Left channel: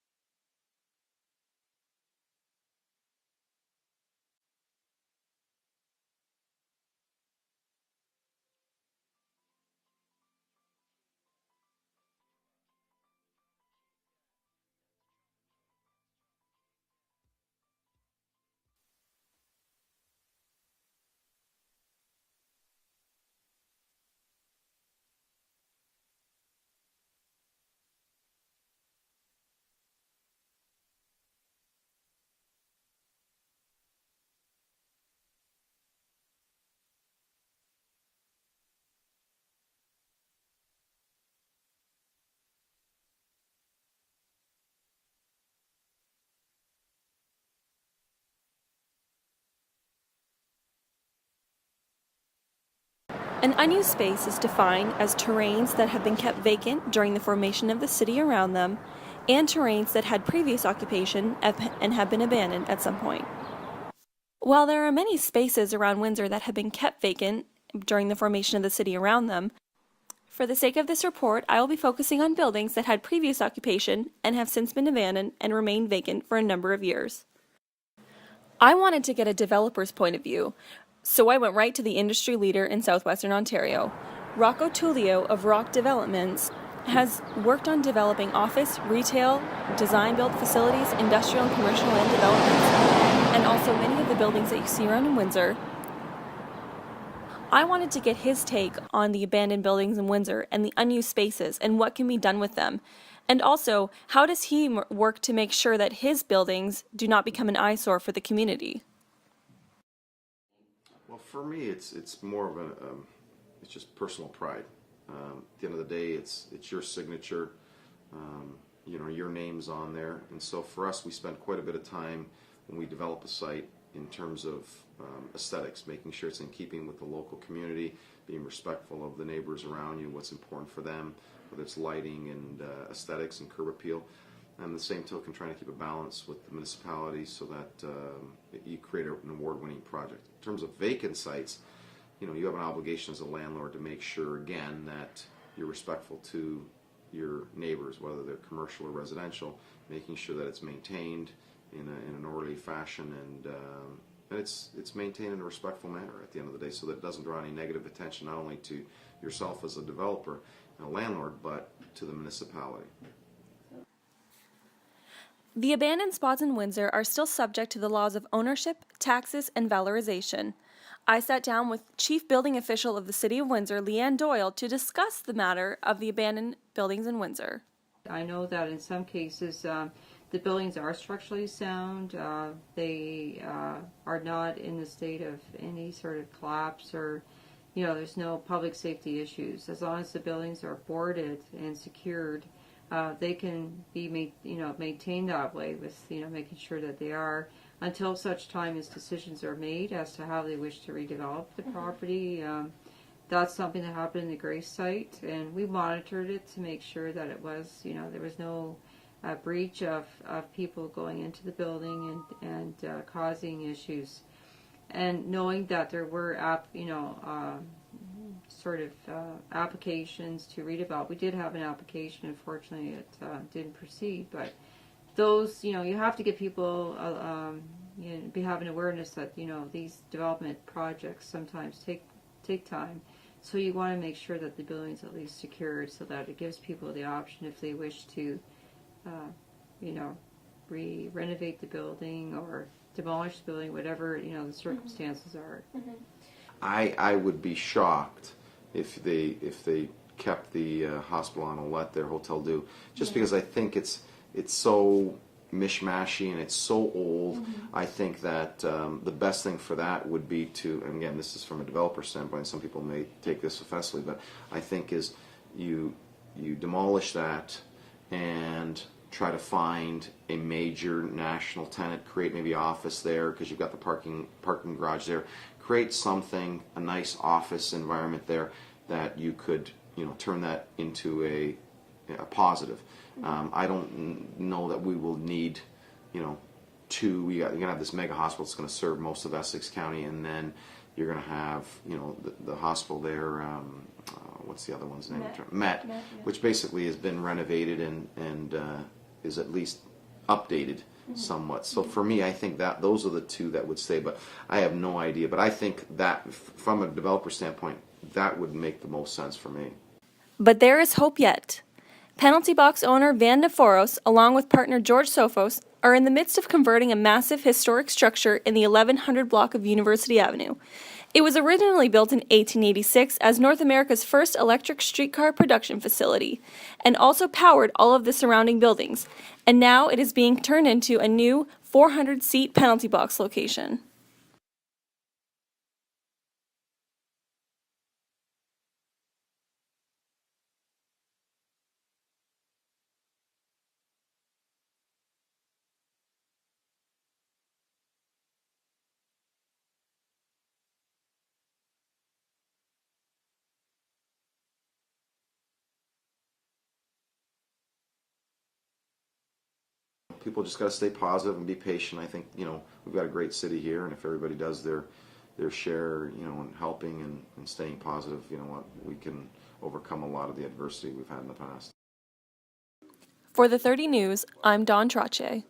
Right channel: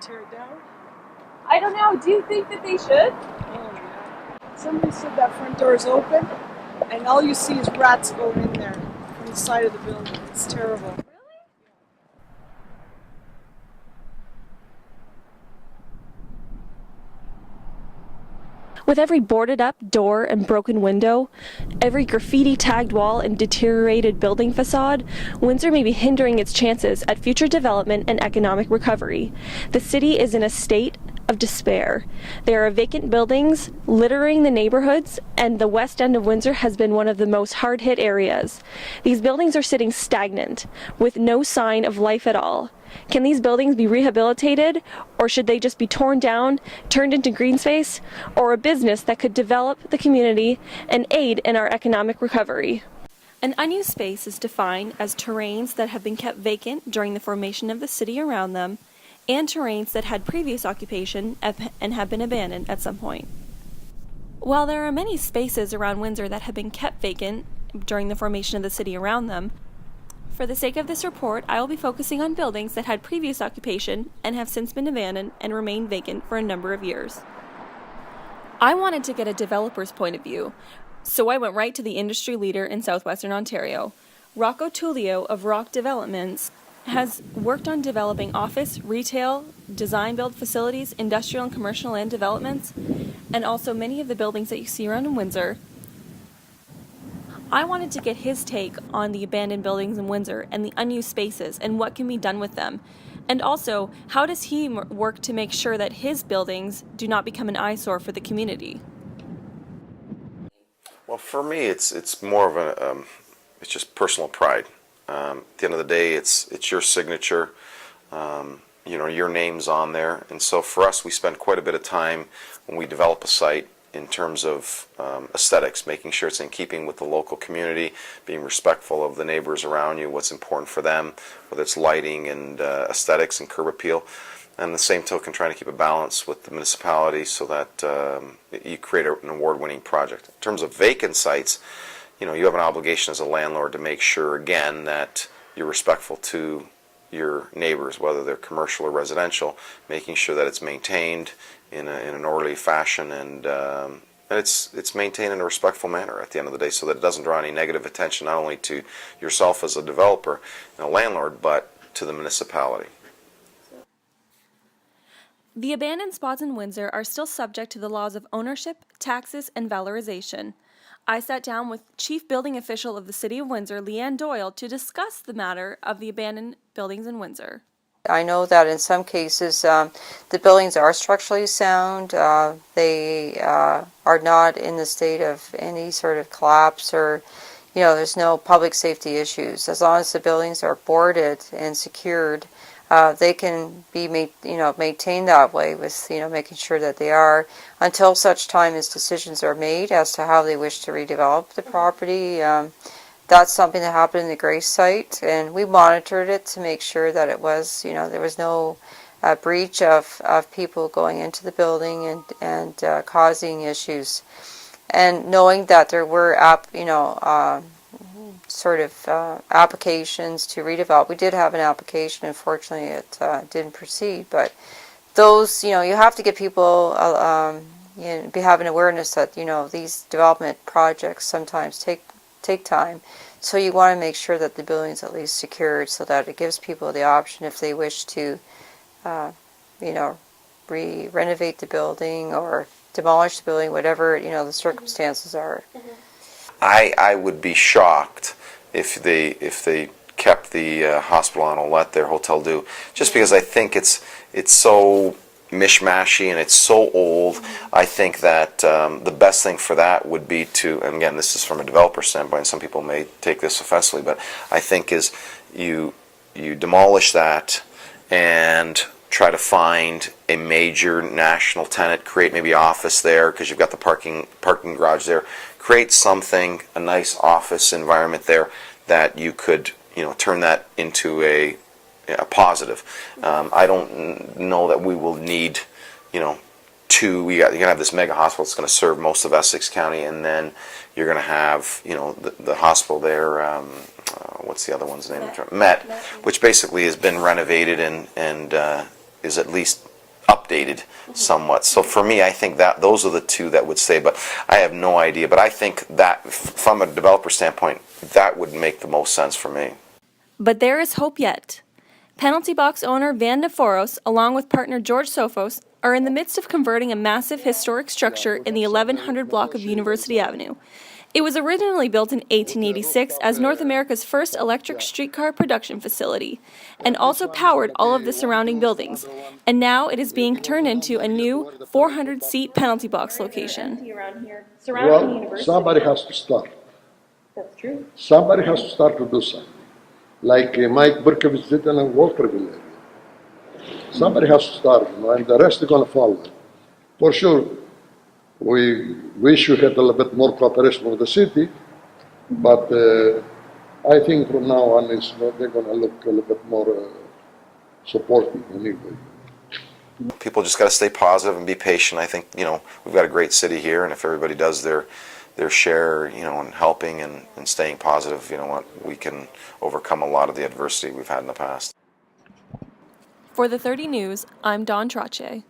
tear it down? I don't know. Do you think that they should? Oh, yeah. Somebody said that front door is open, and all you see is rats going in there from the side of the building. It's terrible. With every boarded up door and broken window, every graffiti tagged wall and deteriorated building facade, Windsor may be hindering its chances at future development and economic recovery. The city is in a state of despair. There are vacant buildings littering the neighborhoods, and the west end of Windsor has been one of the most hard-hit areas. These buildings are sitting stagnant, with no sign of life at all. Can these buildings be rehabilitated, or should they just be torn down, turned into green space, or a business that could develop the community and aid in our economic recovery? An unused space is defined as terrains that have been kept vacant during the formation of the city around them, and terrains that had previous occupation and have been abandoned at some point. While there are many spaces around Windsor that have been kept vacant during the formation of the city around them, for the sake of this report, I will be focusing on buildings that had previous occupation and have since been abandoned and remained vacant for a number of years. I wanted to get a developer's point of view, so I went right to the industry leader in southwestern Ontario. Rocco Tullio of Rock Developments has worked on developing office, retail, design-build facilities, industrial and commercial land developments, and also many of the buildings that you see around in Windsor. I wanted to get his take on the abandoned buildings in Windsor and the unused spaces and what can be done with them. And also, how does he work to make sure that his buildings do not become an eyesore for the community? Well, for me, it's more of a it's just personal pride. At the end of the day, it's your signature. Your name's on there, and so for us, we spend quite a bit of time when we develop a site in terms of aesthetics, making sure it's in keeping with the local community, being respectful of the neighbors around you, what's important for them, whether it's lighting and aesthetics and curb appeal. And the same token, trying to keep a balance with the municipality so that you create an award-winning project. In terms of vacant sites, you have an obligation as a landlord to make sure, again, that you're respectful to your neighbors, whether they're commercial or residential, making sure that it's maintained in an orderly fashion and it's maintained in a respectful manner at the end of the day so that it doesn't draw any negative attention not only to yourself as a developer and a landlord, but to the municipality. The abandoned spots in Windsor are still subject to the laws of ownership, taxes, and valorization. I sat down with Chief Building Official of the City of Windsor, Leanne Doyle, to discuss the matter of the abandoned buildings in Windsor. I know that in some cases the buildings are structurally sound. They are not in the state of any sort of collapse or, there's no public safety issues. As long as the buildings are boarded and secured, they can be maintained that way with making sure that they are until such time as decisions are made as to how they wish to redevelop the property. That's something that happened in the Grace site, and we monitored it to make sure that it was, there was no breach of people going into the building and causing issues. And knowing that there were applications to redevelop. We did have an application. Unfortunately, it didn't proceed. But those, you have to get people be having awareness that these development projects sometimes take time. So you want to make sure that the building is at least secured, so that it gives people the option if they wish to, renovate the building or demolish the building, whatever the circumstances are. Mm-hmm. I would be shocked if they kept the hospital on and let their hotel do, just because I think it's so mishmashy and it's so old. I think that the best thing for that would be to, and again, this is from a developer standpoint, some people may take this offensively, but I think is you demolish that and try to find a major national tenant, create maybe office there because you've got the parking garage there, create something, a nice office environment there that you could turn that into a positive. I don't know that we will need you're going to have this mega hospital that's going to serve most of Essex County, and then you're going to have the hospital there, what's the other one's name? Met, which basically has been renovated and is at least updated somewhat. So for me, I think that those are the two that would say, but I have no idea. But I think that from a developer standpoint, that would make the most sense for me. But there is hope yet. Penalty Box owner Van Neforos, along with partner George Sophos, are in the midst of converting a massive historic structure in the 1100 block of University Avenue. It was originally built in 1886 as North America's first electric streetcar production facility, and also powered all of the surrounding buildings, and now it is being turned into a new 400-seat Penalty Box location. Well, somebody has to start. That's true. Somebody has to start to do something. Like Mike Berkowitz did in Walterville area. Somebody has to start, and the rest are going to follow. For sure, we wish we had a little bit more cooperation with the city, but I think from now on they're going to look a little bit more supportive anyway. People just got to stay positive and be patient. I think, we've got a great city here, and if everybody does their share, in helping and staying positive, we can overcome a lot of the adversity we've had in the past. For the 30 News, I'm Dawn Trache.